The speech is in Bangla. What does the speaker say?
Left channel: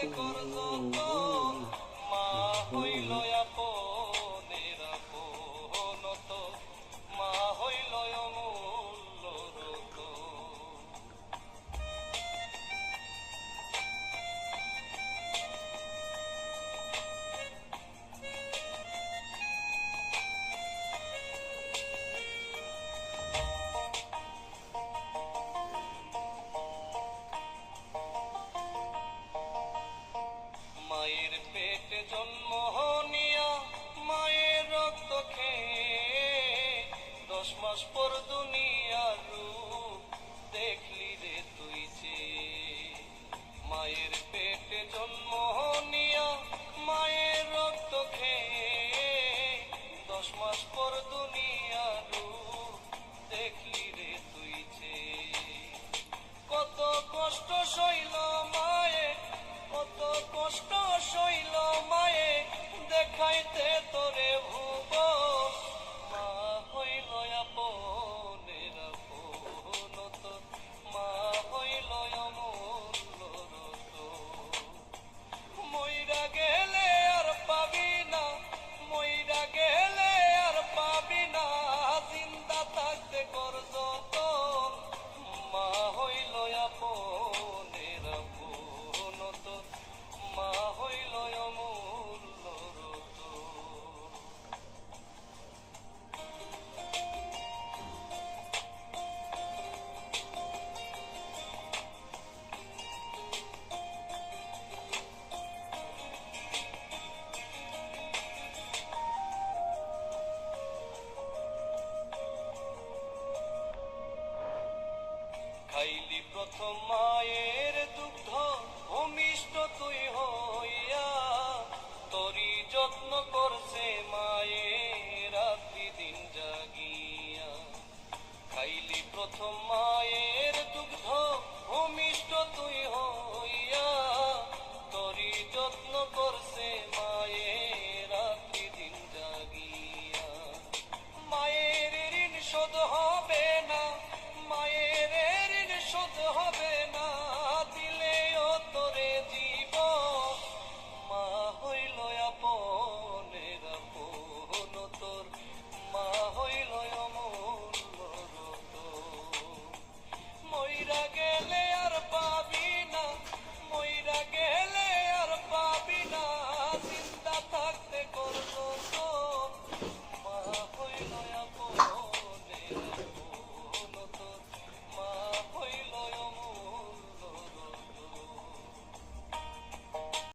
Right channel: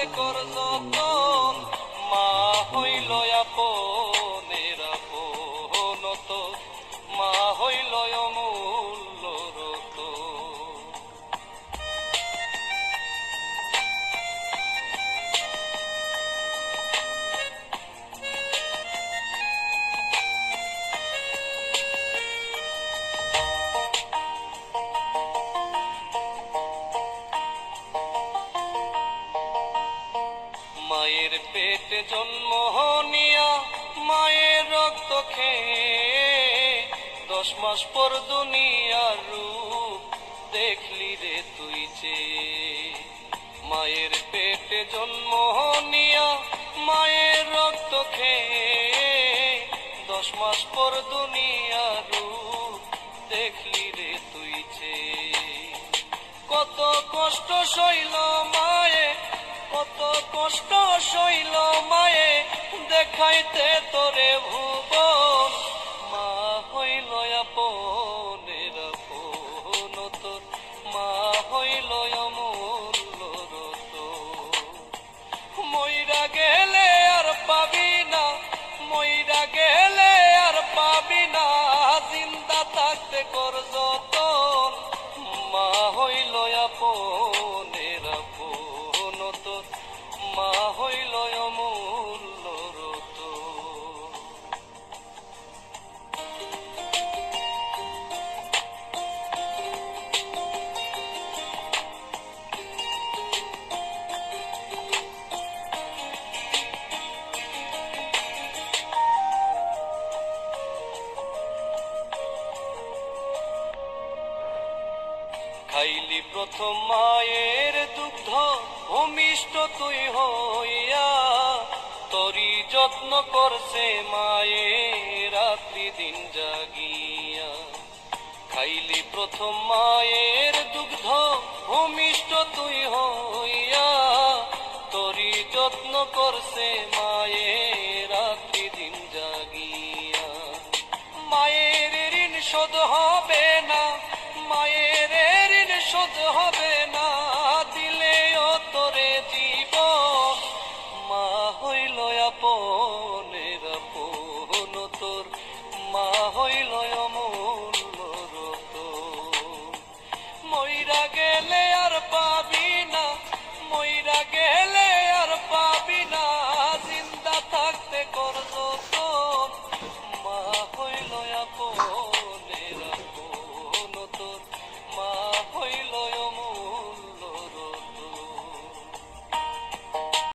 থাকতে কর যতন, মা হইল আপনের আপন তোর, মা হইল অমূল্য রতন। মায়ের পেটে জন্ম নিয়া মায়ের রক্ত খেয়ে 10 মাস পর দুনিয়ার রূপ দেখলি রে তুই যে। মায়ের পেটে জন্ম নিয়া মায়ের রক্ত খেয়ে 10 মাস পর দুনিয়ার রূপ দেখলি রে তুই যে। কত কষ্ট সইল মায়ে, কত কষ্ট সইল মায়ে দেখাইতে তোরে ভুবন, মা হইল আপনের আপন তোর, মা হইল অমূল্য রতন। মইরা গেলে আর পাবি না, মইরা গেলে আর পাবি না, জিন্দা থাকতে কর যতন, মা হইল আপনের আপন তোর, মা হইল অমূল্য রতন। খাইলি প্রথম মায়ের দুগ্ধ ভূমিষ্ঠ তুই হইয়া, তোরি যত্ন করছে মায়ে রাত্রি দিন জাগিয়া। খাইলি প্রথম মায়ের দুগ্ধ ভূমিষ্ঠ তুই হইয়া, তোরি যত্ন করছে মায়ে রাত্রি দিন জাগিয়া। মায়ের ঋণ শোধ